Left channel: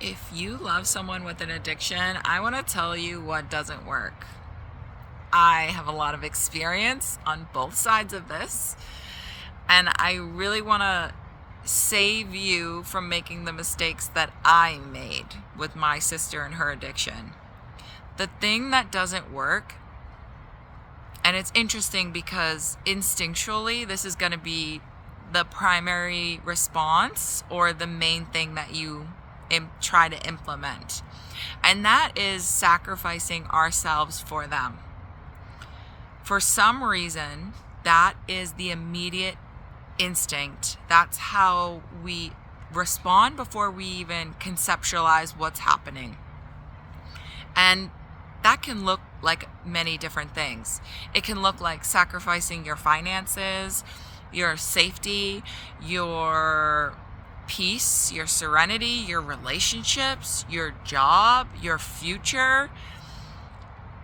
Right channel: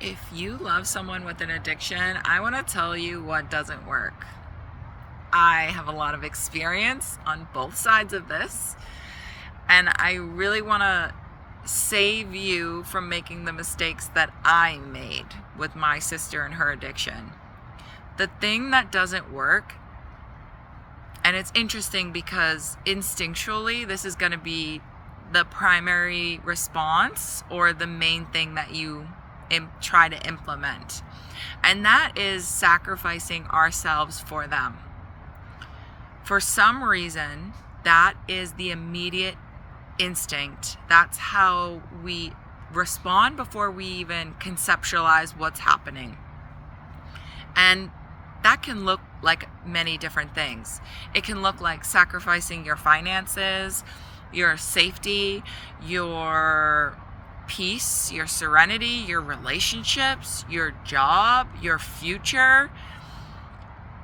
If you love someone with an addiction, I want to tell you what doesn't work. I have a lot of experience on both sides of this, and I really want to save you from making the mistakes that I made with my sister and her addiction. The thing that doesn't work, and it's interesting because instinctually, this is going to be the primary response or the main thing that you try to implement, and that is sacrificing ourselves for them. For some reason, that is the immediate instinct. That's how we respond before we even conceptualize what's happening. And that can look like many different things. It can look like sacrificing your finances, your safety, your peace, your serenity, your relationships, your job, your future,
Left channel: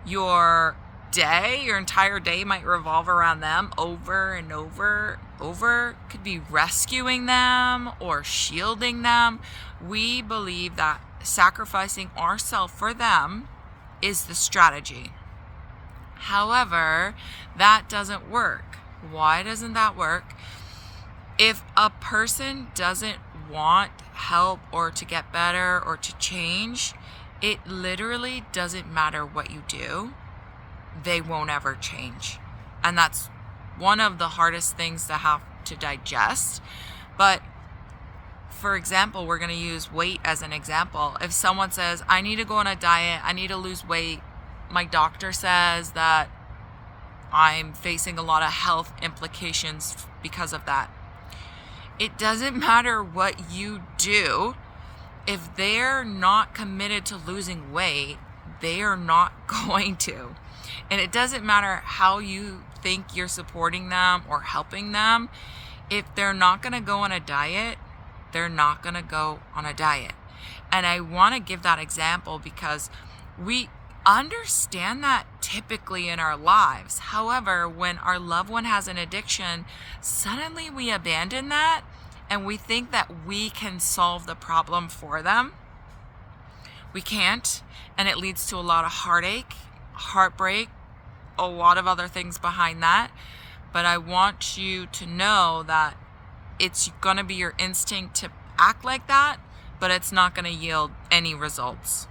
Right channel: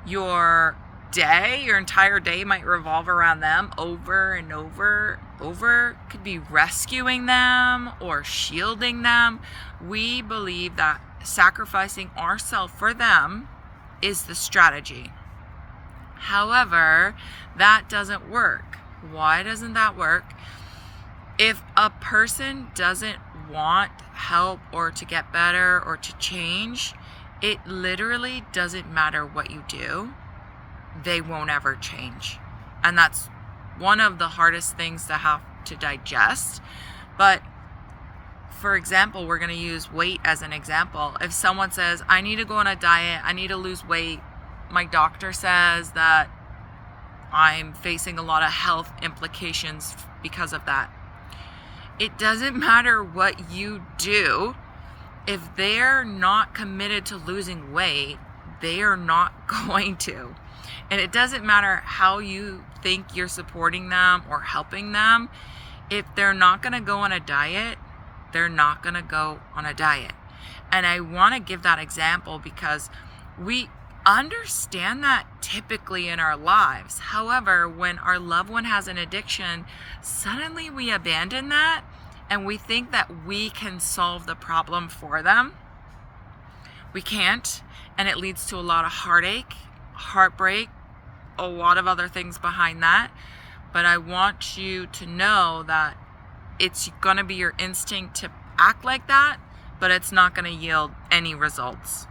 your day. Your entire day might revolve around them over and over. Could be rescuing them or shielding them. We believe that sacrificing ourselves for them is the strategy. However, that doesn't work. Why doesn't that work? If a person doesn't want help or to get better or to change, it literally doesn't matter what you do. They won't ever change. And that's one of the hardest things to have to digest. But for example, we're going to use weight as an example. If someone says, I need to go on a diet, I need to lose weight, my doctor says that I'm facing a lot of health implications because of that. It doesn't matter what you do. If they're not committed to losing weight, they are not going to. And it doesn't matter how you think you're supporting them or helping them. If they're not going to go on a diet, they're not going to go on a diet. And I want to give that example because we understand that typically in our lives. However, when our loved one has an addiction, suddenly we abandon that and we think that we can solve the problem for them. We can't, and it leads to a lot of heartache, heartbreak, a lot of other things behind that. But I want you to know that it's going to be your instinct to act like that, but it's not going to yield any results.